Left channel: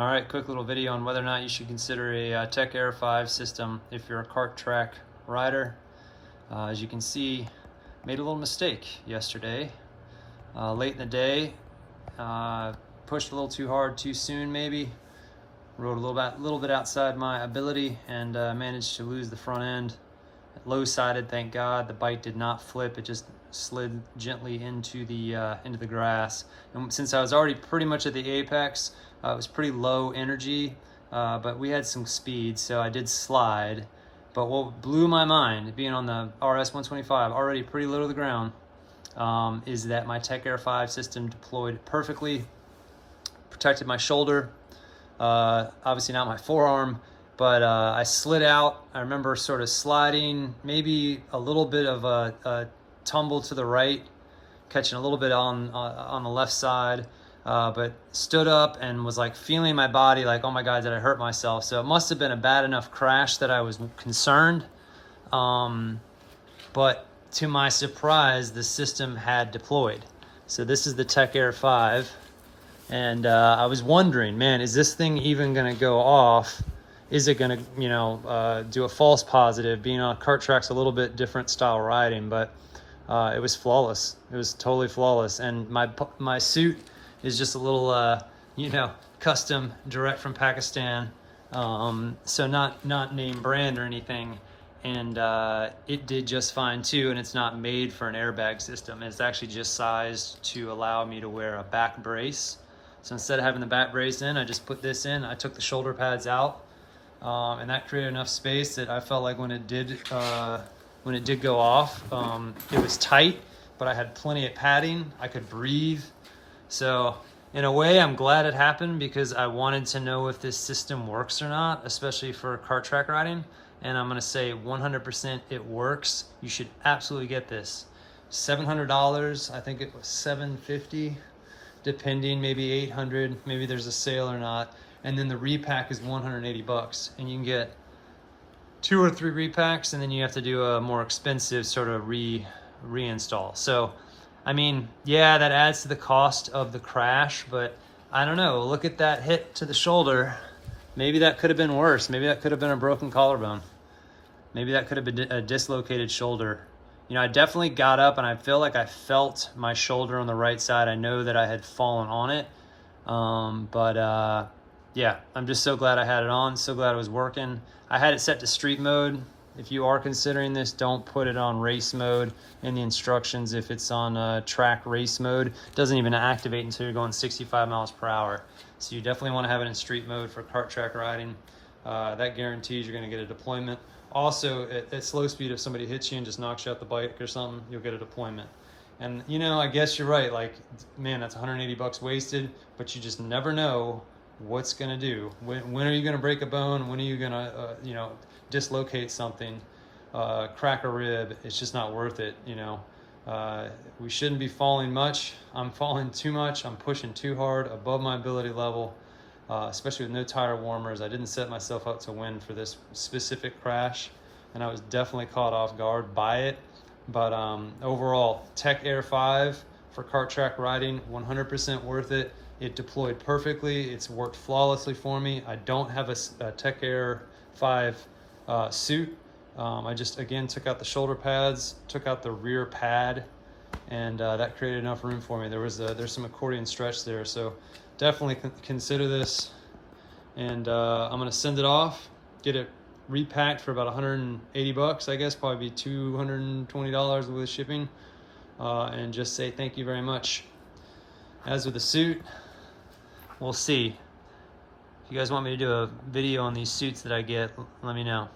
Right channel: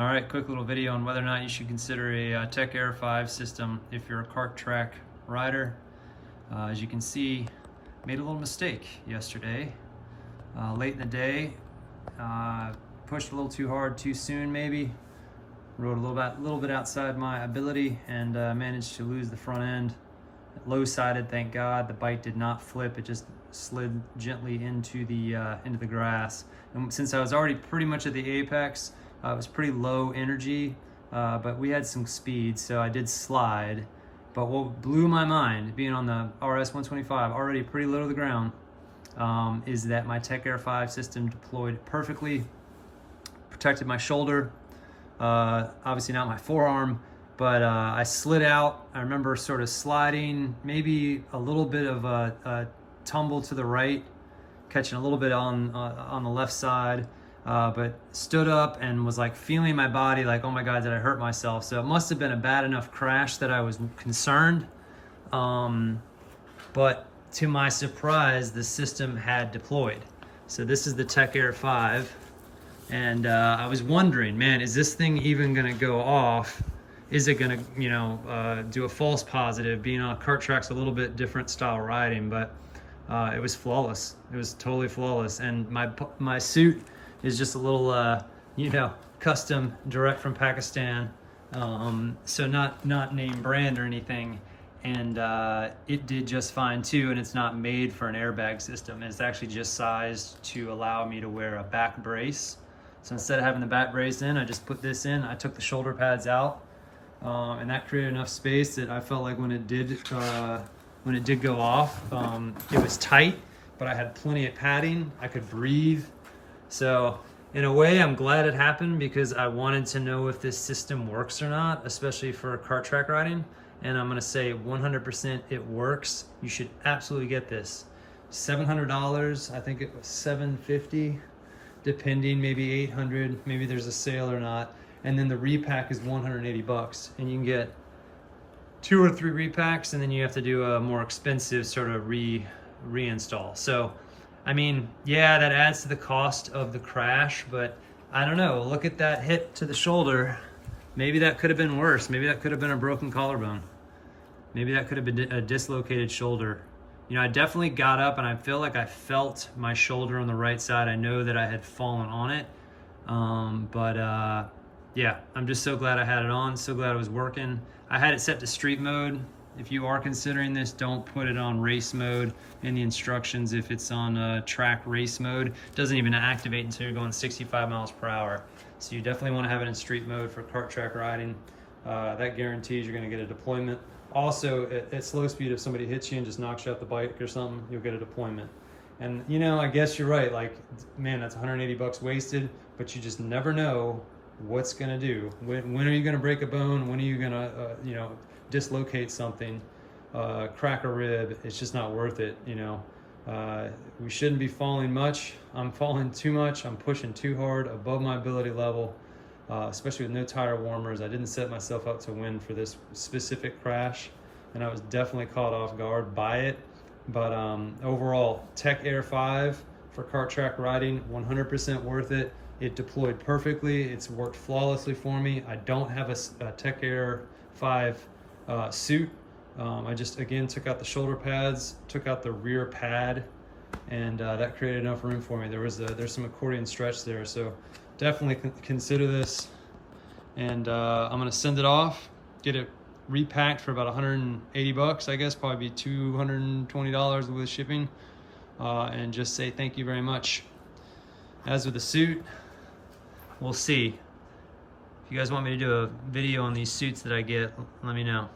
All right, quick little video on whether or not you should consider a Tech Air 5 system if you're a kart track rider. As you can see, made a little mistake yesterday. Late in the day, pushed a little too hard too soon maybe. Rode a little bit outside my ability and managed to lose the front end. Low-sided, thank God. The bike did not flip, it just slid gently into the grass. And since I was already pretty much at the apex, it was pretty low energy, but we had some speed, so I did slide. But what blew my mind, being on the RS 125, already pretty low to the ground, is that my Tech Air 5 system deployed perfectly, protected my shoulder, obviously not my forearm, but I slid out. I remember sort of sliding, maybe a little bit of a tumble to the right, catching a little bit on the left side, but stood up and was like feeling my body like, oh my God, did I hurt myself? So it must have been a bad enough crash that I was concerned. But to my surprise, the system had deployed. So this is the Tech Air 5. And I was wondering, man, is this thing even gonna go off? Is it gonna, do a false positive? Being on kart track's a little bit different style riding, but it was flawless. It was totally flawless. And my suit is just a little, custom, direct from Pakistan. So not name brand or anything. And it did just fine too. And it's not made for an airbag system. It's actually just sized to allow me to wear a back brace. So instead of having the back brace in, I just put this in. I took the shoulder pads out, and that created enough space that I felt like when it did go off, it was tight, but I had plenty of padding. I could breathe. So in a way, I'm glad it happened because I wanted to know if this system works or not, especially for kart track riding. And I'm gonna say 100% it works. You should absolutely get this. $700, I think it was $750. Depending, maybe 800, maybe there's a sale or not. And then the repack is 180 bucks. And you can get 2 or 3 repacks, and then you have to do a more expensive sort of reinstall. So, I mean, yeah, that adds to the cost of the crash, but I don't know, look at that hit to the shoulder. Maybe that could have been worse. Maybe that could have been a broken collarbone. Maybe that could have been a dislocated shoulder. I definitely got up and I feel like I felt my shoulder on the right side. I know that I had fallen on it. Yeah, I'm just so glad I had it on. So glad it was working. I had it set to street mode. If you are considering this, don't put it on race mode in the instructions. If it's on track race mode, it doesn't even activate until you're going 65 miles per hour. So you definitely want to have it in street mode for kart track riding. That guarantees you're going to get a deployment. Also, at slow speed, if somebody hits you and just knocks you out the bike or something, you'll get a deployment. And I guess you're right. Like, man, that's 180 bucks wasted, but you just never know what's gonna do. When are you gonna break a bone? When are you gonna, dislocate something, crack a rib? It's just not worth it. We shouldn't be falling much. I'm falling too much. I'm pushing too hard above my ability level. Especially with no tire warmers. I didn't set myself up to win for this specific crash, and I was definitely caught off guard by it. But overall, Tech Air 5 for kart track riding, 100% worth it. It deployed perfectly. It's worked flawlessly for me. I don't have a Tech Air 5 suit. I just, again, took out the shoulder pads, took out the rear pad, and that created enough room for me. There's some accordion stretch there, so definitely consider this. And I'm gonna send it off, get it repacked for about 180 bucks, I guess, probably be $220 with shipping, and just say thank you very much. As with the suit, we'll see. If you guys want me to do a video on these suits that I get, let me know.